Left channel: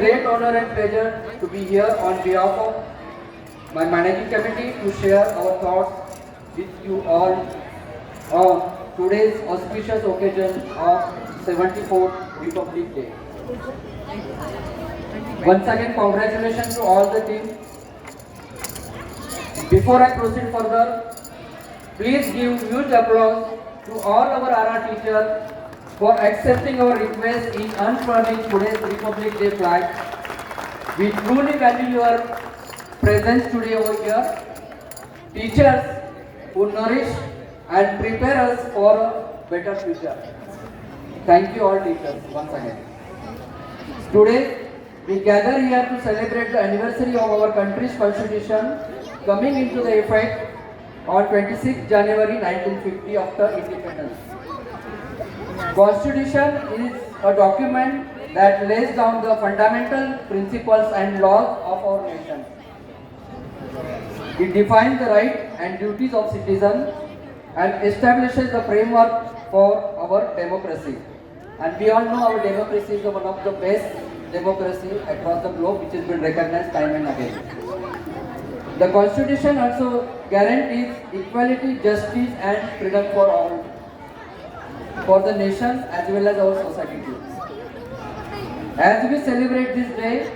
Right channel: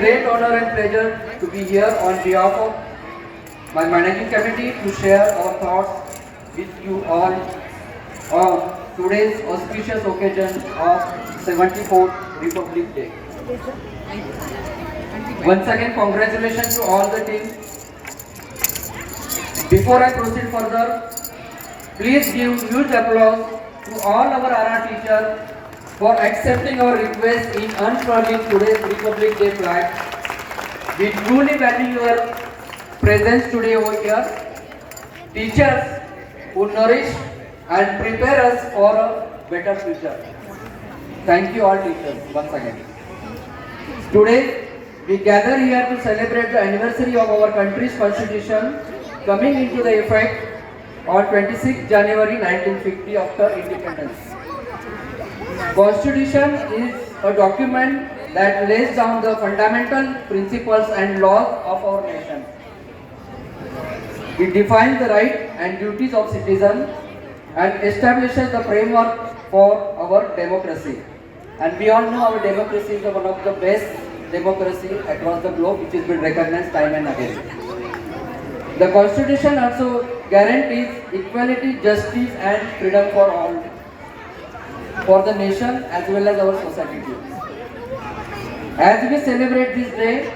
great honor and pleasure to be here on behalf of my managing committee to share our thoughts with you all on today's auspicious occasion of 74th Republic Day. Once again, congratulations to all the team. Before I proceed further, please give huge applause to all our RR teachers for accepting our request in unfurling today's Republic Day flag. We truly value your presence today over here. Teachers who nourish and prepare us for a better future. Thank you all teachers once again. Today, we gather here to celebrate the anniversary of our country's constitution coming into the effect on 26 January 1950 after independence. Constitution is a document that lays down the fundamental principles and laws of our nation. It defines the rights and duties of citizens and establishes the framework for our democracy. And we all know our democracy is one of the best democracy across the globe, which has been recognized time and again. The Constitution also guarantees equality, justice and freedom for all, for the nation as well as our society too. As we celebrate this day,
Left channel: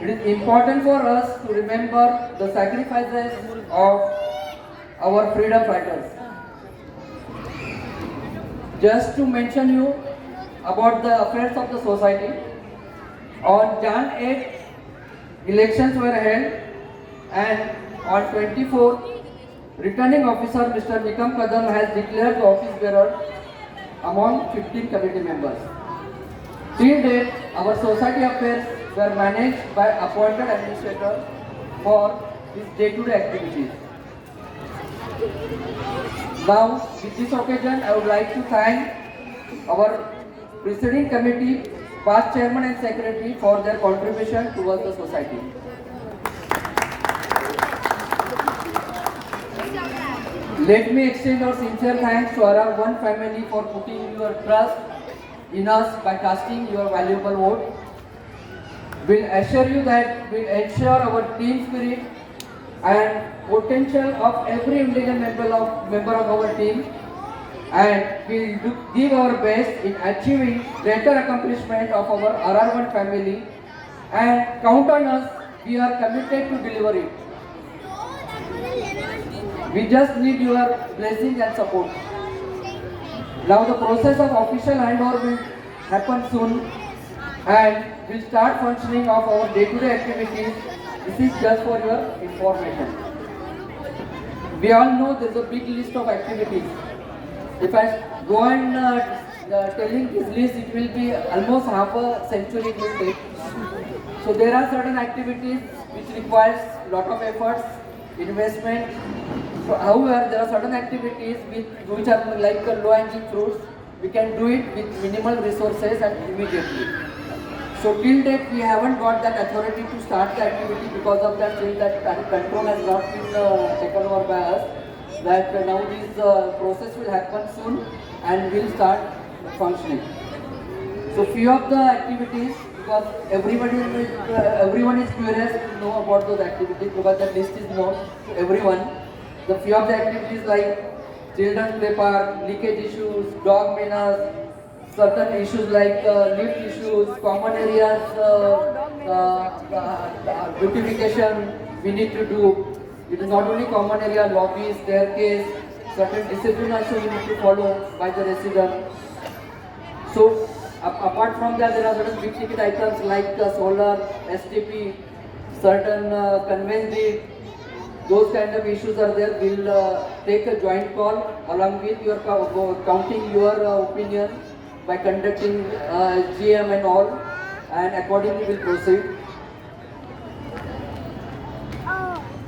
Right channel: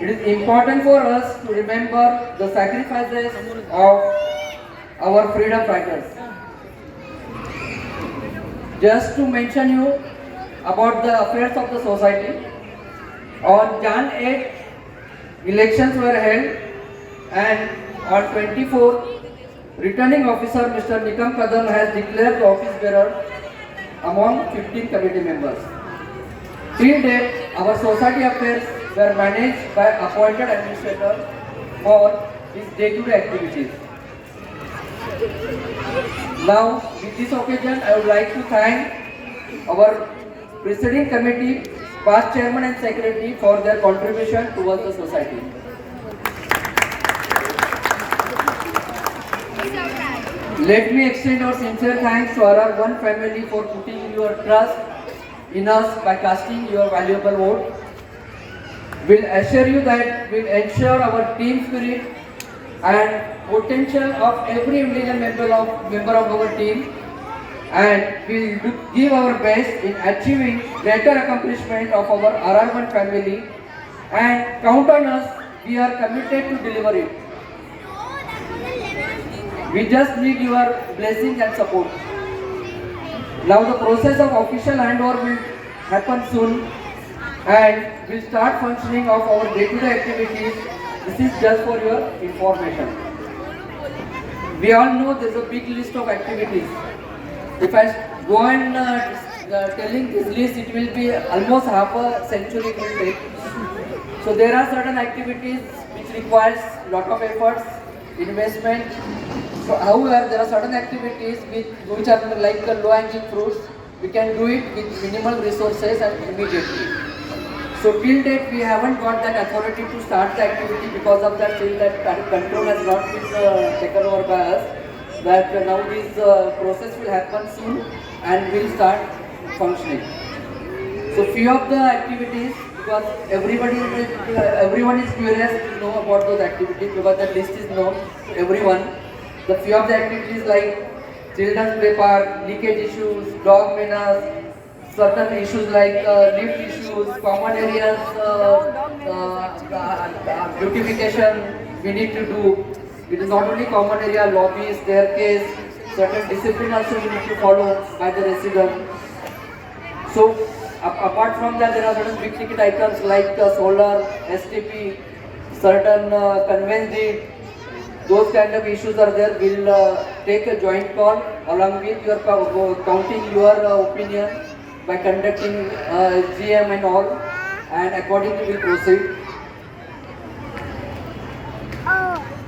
it is important for us to remember the sacrifices of our freedom fighters. Just to mention you about the affairs of the society, on Jan 8, elections were held and on 24th, returning officer Mr. Nikam Kadam has declared the office bearer among 15 committee members. Till date, our society affairs were managed by appointed administrator for his day-to-day activities. Now, with this occasion, I would like to thank our presiding committee, past chairman and secretary for their contribution towards the society. Let me extend our sincere thanks to our one family for putting your trust in us by casting your valuable vote. We'll assure you that we'll ensure our team spirit and potential of every individual member of our team, and we'll give our best in achieving greater accomplishment of our RR1 family, and count on us, we are committed to deliver it. We just need your blessing and support. Now the process of official handover will happen soon and we'll start functioning of our day-to-day activities. This is just for your information. We all know there's a big list of activities. If I go on telling this list, it will be almost half a century it will take. So there are certain activities which requires lot of efforts, investment. So however, there are certain activities which are like low-hanging fruits. We can do it with minimal resources and immediately. So till date, we haven't got that authority to start the activity because of that till that control has not been taken over by us. That now this process will happen soon and will start functioning. So few of the activities, because everyone is curious to know about those activities because the list is known to everyone. The few of the activities like children's play park, leakage issues, dog menace, certain issues like lift issues, common areas, beautification we need to do. It is not only common area, lobby, staircase, certain discipline also you need to follow by the resident. So apart from that, there are certain big ticket items like solar, STP, certain conveyance deed. Those kind of issues are there. We'll take a joint call along with your counting your opinion by conducting GM and all, and accordingly we'll proceed.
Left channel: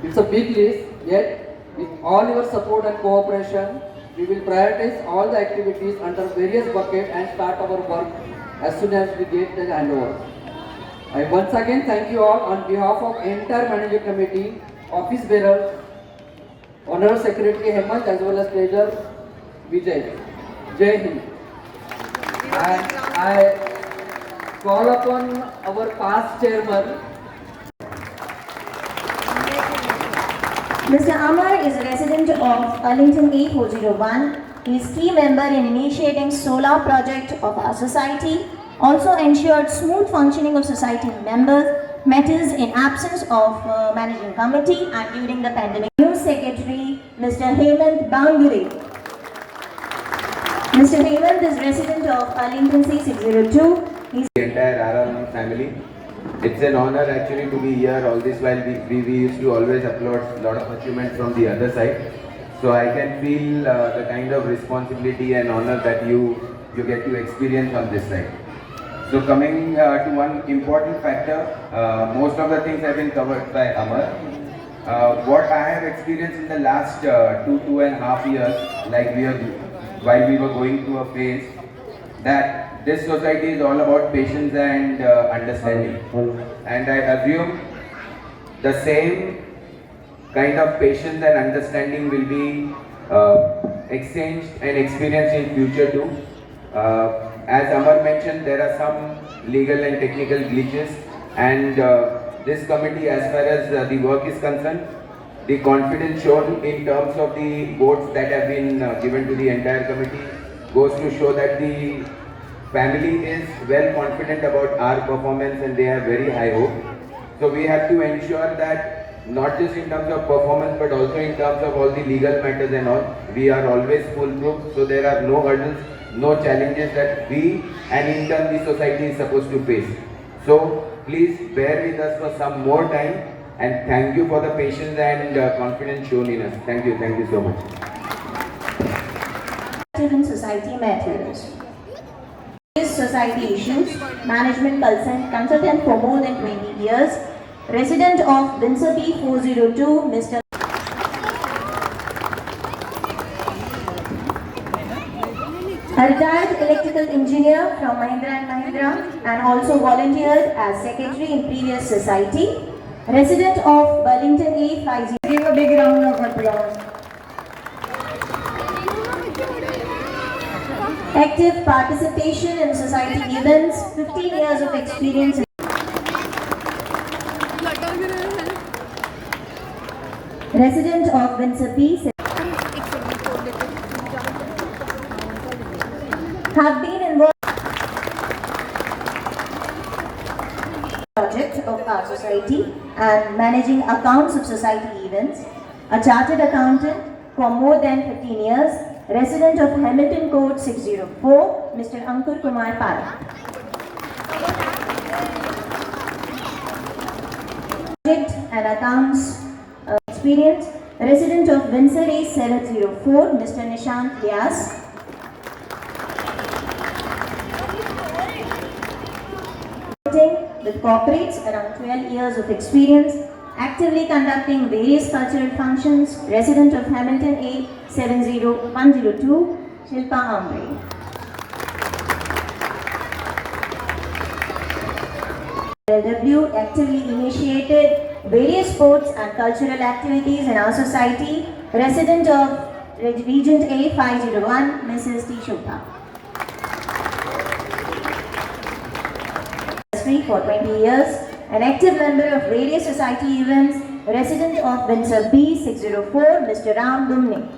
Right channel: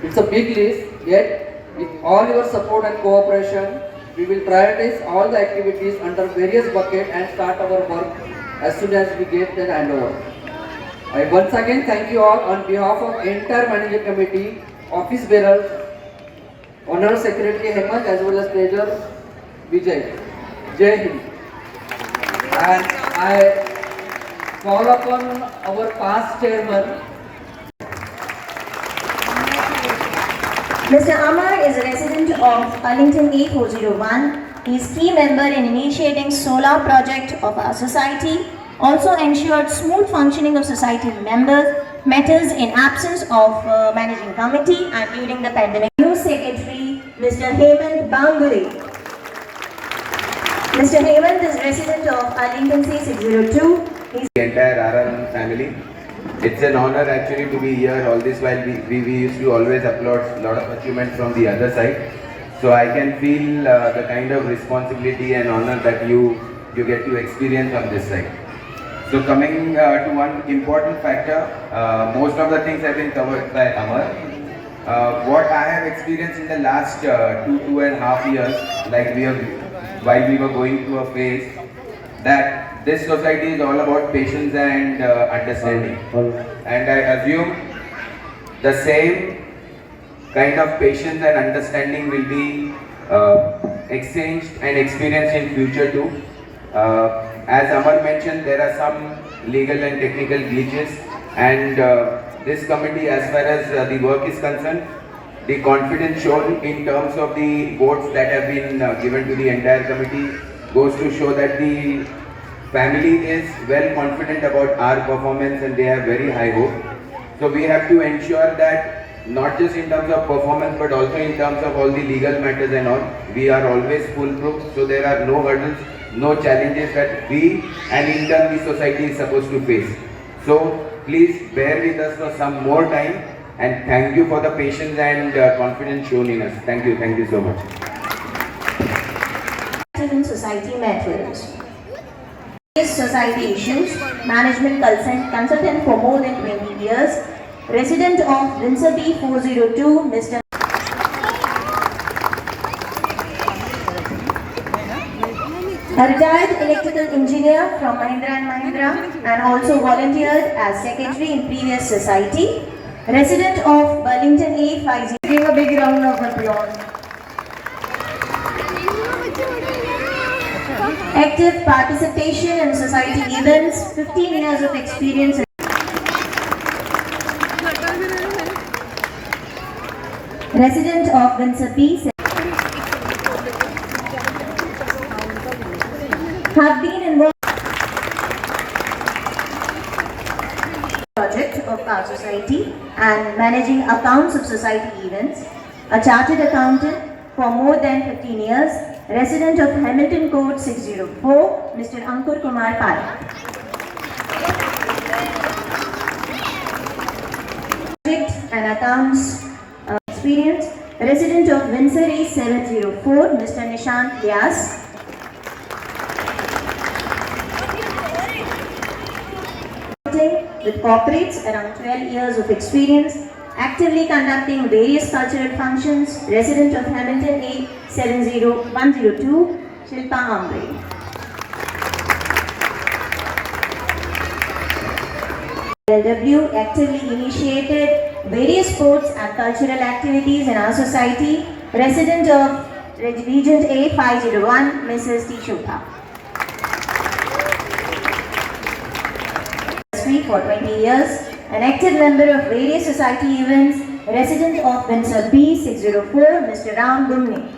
It's a big list, yet with all your support and cooperation, we will prioritize all the activities under various buckets and start our work as soon as we get the handover. I once again thank you all on behalf of entire management committee, office bearers, Honorable Secretary Hemant as well as Treasurer Vijay. Jai Hind. And call upon our past chairman, Mr. Amar is a resident of Arlington A401. He is key member in initiating solar project of our society, also ensured smooth functioning of society members, matters in absence of managing committee and during the pandemic. New Secretary, Mr. Hemant Banguri. Mr. Hemant is resident of Arlington C602. He The entire RM family. It's an honor actually to be here. All this while we used to always applaud a lot of achievements from the other side. So I can feel the kind of responsibility and honor that you get to experience on this side. So coming to one important factor, most of the things have been covered by Amar. What I have experienced in the last 2.5 years, like while we were going through a phase, that this society is all about patience and understanding. And I assume the same kind of patience and understanding will be exchanged and experienced in future too. As Amar mentioned, there are some legal and technical glitches, and this committee, as far as the work is concerned, the confidence shown in terms of the votes that have been given to the entire committee goes to show that the family is well confident about our performance and they have very high hope. So we have to ensure that not just in terms of performance but also in terms of all the legal matters and all, we are always foolproof, so there are no hurdles, no challenges that we and in turn the society is supposed to face. So please bear with us for some more time, and thank you for the patience and confidence shown in us. Thank you so much. in society matters. Society issues, management consultant for more than 20 years, resident of Windsor B 402, Mr. A retired electrical engineer from Mahindra & Mahindra and also volunteered as secretary in previous society, resident of Burlington A 50. Give a big round of applause. Active participation in society events, 15 years of experience. Resident of Windsor B. Have been involved in project of our society and managing accounts of society events. A chartered accountant for more than 15 years. Resident of Hamilton Court 604, Mr. Ankur Kumar Parak. Project and accounts experience. Resident of Windsor A 704, Mr. Nishant Vyas. With corporates around 12 years of experience, actively conducting various cultural functions, resident of Hamilton A 70102, Shilpa Ambre. LW actively initiated various sports and cultural activities in our society, resident of Regent A 501, Mrs. T. Shobha. For 20 years, an active member of various society events, resident of Windsor B 604, Mr. Ram Dumne.